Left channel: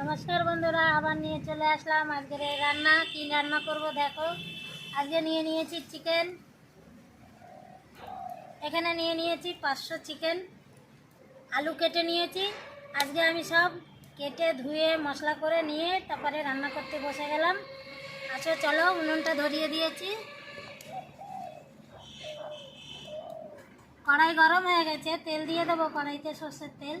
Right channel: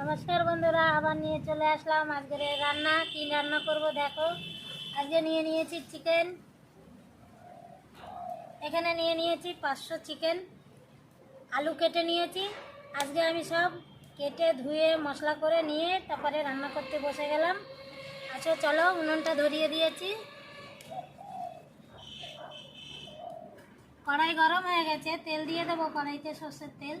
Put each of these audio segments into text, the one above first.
নমস্কার বন্ধুরা, আবার নিয়ে চলে আসলাম। আজকের রান্না। কি রান্না করব দেখো। আজকে নিয়ে নিয়েছি চিকেন এখানে নিয়ে নিয়েছি পাঁচশো চিকেন আলু কেটে নিয়েছি। আজকে আমি সব কেটে, ধুয়ে, মশলা করে নিয়ে তারপরে রান্না করতে বসে গেলাম। আচ্ছা চলো উনুনটা ধরিয়ে দিয়েছি। কড়াই গরম হয়ে গেছে। তেল দিয়ে দেবো কড়াইতে সর্ষের তেল।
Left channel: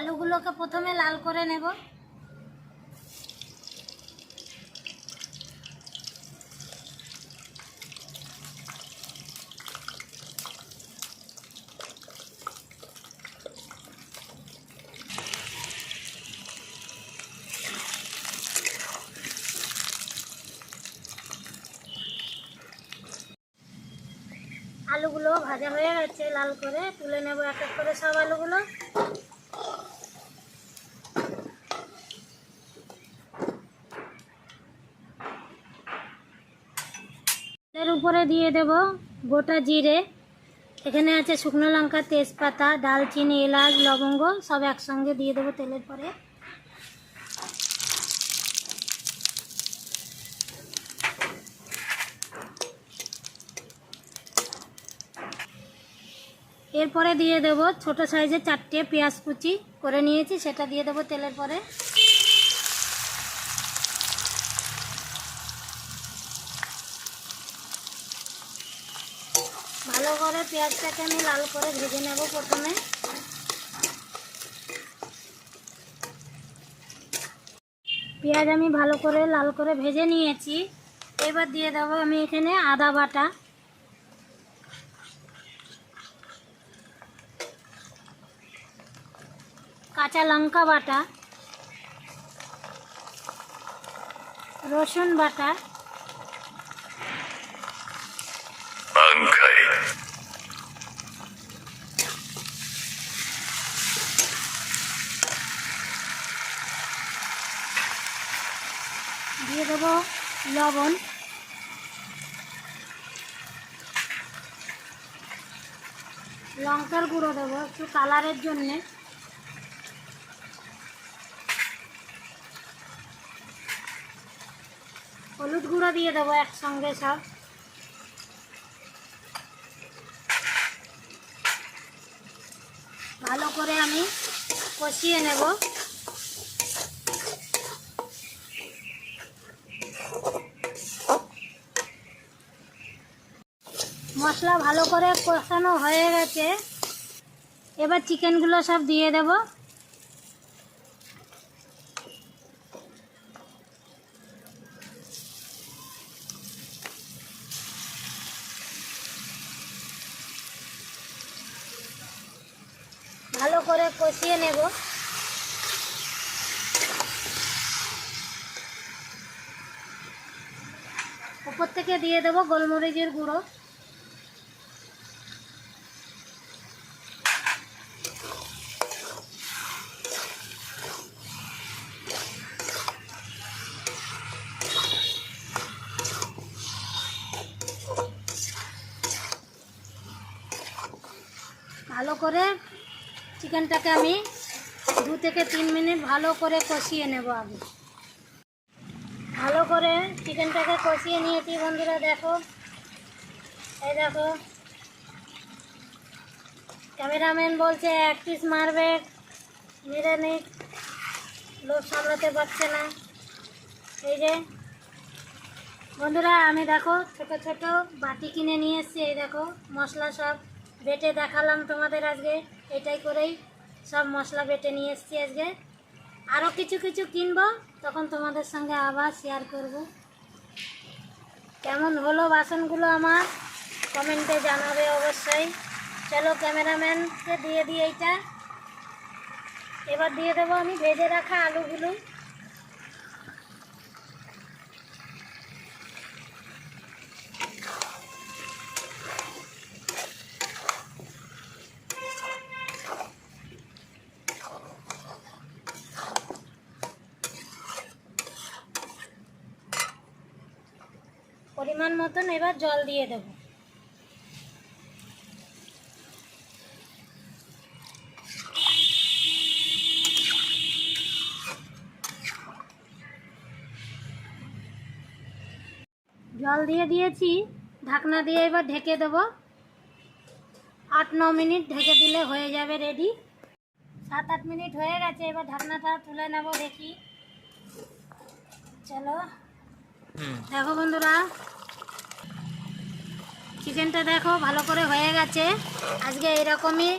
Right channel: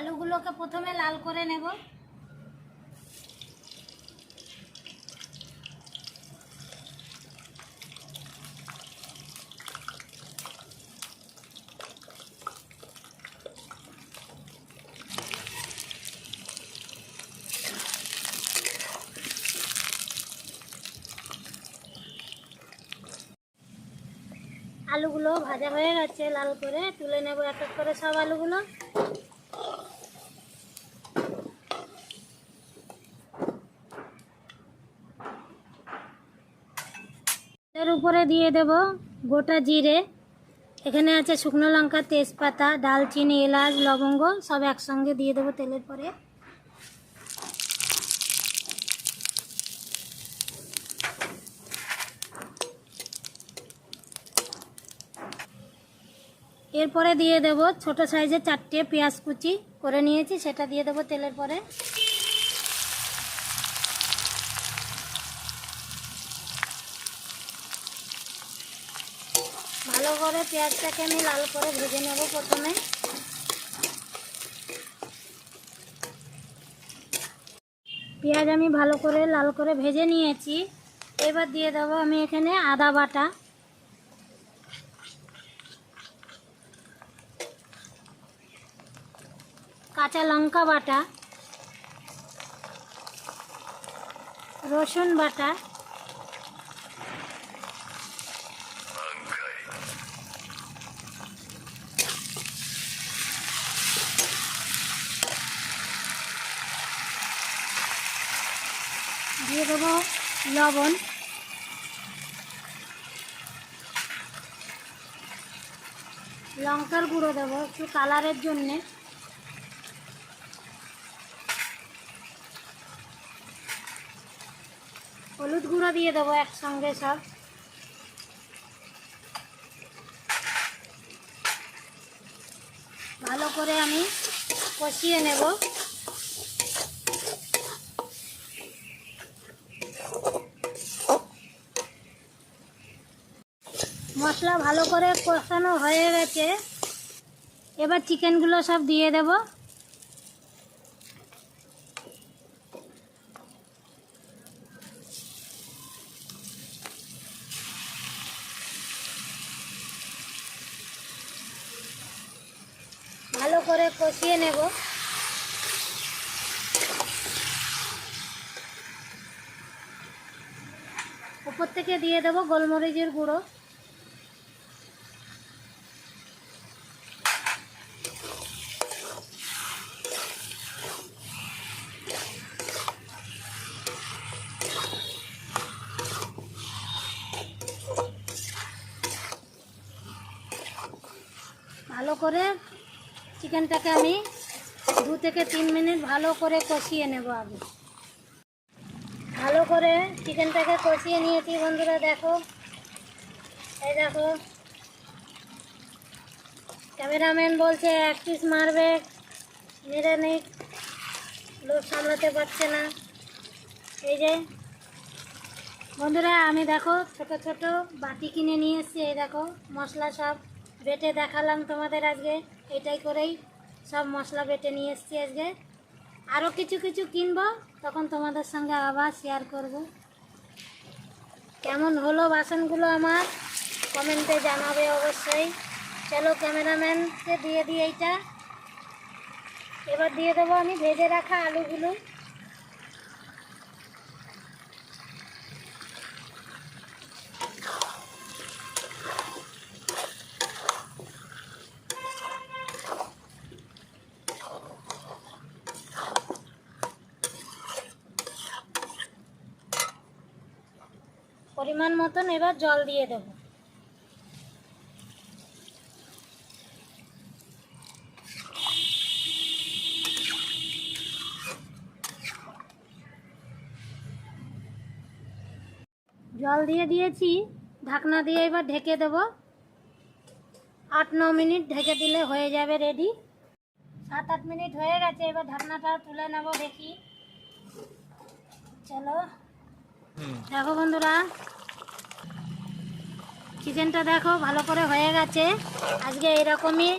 আলুগুলোকে প্রথমে লাল করে নেব। আলুগুলো ভাজা হয়ে গেছে, লাল করে তুলে নেব এক এক করে সব আলুগুলো। এর উপরে দিয়ে দেব গোটা জিরে। এখানে আছে শুকনো লঙ্কা, তেজপাতা, ডালচিনি, এলাচ, লবঙ্গ, সব একসঙ্গে দিয়ে দেবো তেলের পরে। এরপরে দিয়ে দেব ছোট সাইজের চারটে পেঁয়াজ কুচি। করে নিয়েছি, সেটা দিয়ে দেবো তেলের পরে ভালো করে পেঁয়াজটাকে আমি লাল করে ভেজে নেব প্রথমে। পেঁয়াজ আমি ভালো করে লাল করে ভেজে নিয়েছি। এবার দিয়ে দেবো আমি এখানে আদা বাটা। কাঁচা লঙ্কা বাটা। রসুন বাটা দিয়ে দেবো লবণ। লঙ্কার গুঁড়ো দেবো একটু কালারের জন্যে। হলুদ গুঁড়ো দিয়ে দেবো একসঙ্গে সব। ভালো করে আমি কষিয়ে নেব। মশলা ভালো করে কষানো হয়ে গেছে। এবার চিকেনগুলো সব দিয়ে দেব। ভালো করে কষিয়ে নেব। উপর থেকে দিয়ে দেবো গোলমরিচের গুঁড়ো। ভালো করে চিকেনটাকে আমি দু থেকে তিন মিনিট ভালো করে কষিয়ে নেব আগে। ভালো করে চিকেনটাকে কষিয়ে নিয়েছি বন্ধুরা, দেখো। এই দেখো। ক্যামেরাম্যান বলছে, এক পিস মারবে, মেরে নেই লোক সামলাতে পারছে না। এই যে, বন্ধুরা, আমি দেখো ছোট ছোট বাটি কিনে নিয়ে এসেছি, এই দেখো, মশলা সব। বেটে দেখালাম তোমাদের আজকে। এটাই করেই সব মশলা বেটে নিয়ে এসেছি আজকে। আরও কিছু কিছু কিনবো, তখন তোমাদের সঙ্গে আবার শেয়ার করব। কেমন হলো বাসনগুলো আমার? কমেন্টে জানাবে অবশ্যই। চলো ক্যামেরাম্যানকে দিয়ে দিই এইটা। এবার দিয়ে দেবো আমি ভেজে রাখা আলুগুলো। পরিমাণ মতন এবার জল দিয়ে দেব। জল দিয়ে দিয়েছি, ঢাকনা দিয়ে এবার ঢেকে দেব। আট, ন মিনিট ঢেকে দিলে হয়ে যাবে রেডি সাত, আট মিনিট হয়ে গেছে, এবার ঢাকনাটা তুলে নেব দেখি। চলো। দেখো বন্ধুরা চিকেনটা দেখো ভালো করে হয়ে গেছে। আজকে এরকমই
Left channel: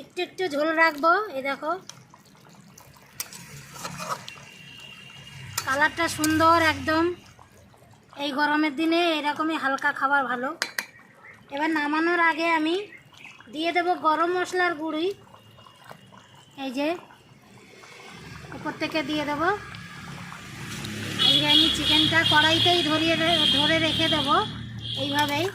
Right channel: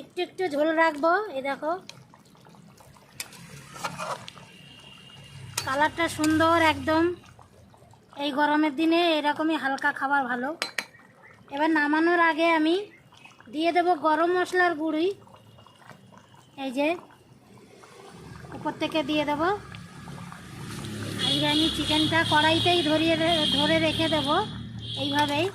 একটু একটু ঝোল রাখব, এই দেখো। কালারটা সুন্দর একদম। এই গরমের দিনে এরকমই হালকা খাবার ভালো। এবার নামানোর আগে আমি দিয়ে দেব গরম মশলার গুঁড়ি। এই যে, উপর থেকে দিয়ে দেব। আমি চিকেনটা কড়াইতেই ধরিয়ে ধরে রেখে দেব এইভাবেই।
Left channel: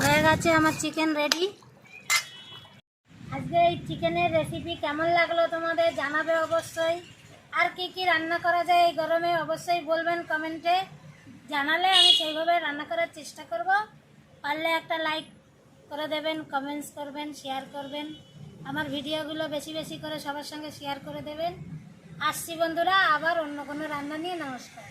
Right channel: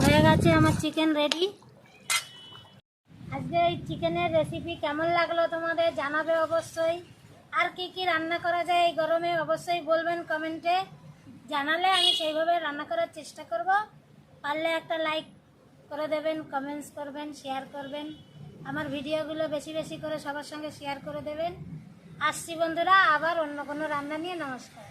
হয়ে গেছে আমার চিকেন রেডি। আজকে এই চিকেনের রেসিপি কেমন লাগল তোমাদের জানাবে অবশ্যই। আর কি কি রান্না করা যায় এই গরমে অবশ্যই বলবেন কমেন্টে। জানালে আমি সেইভাবে রান্না করার চেষ্টা করব। পারলে একটা লাইক করে দেবেন কমেন্টস করবেন শেয়ার করবেন। আমার ভিডিওগুলো বেশি বেশি করে সবার সঙ্গে শেয়ার করে দেবেন। আসছি বন্ধুরা, আবার অন্য কোনো রান্না নিয়ে নমস্কার।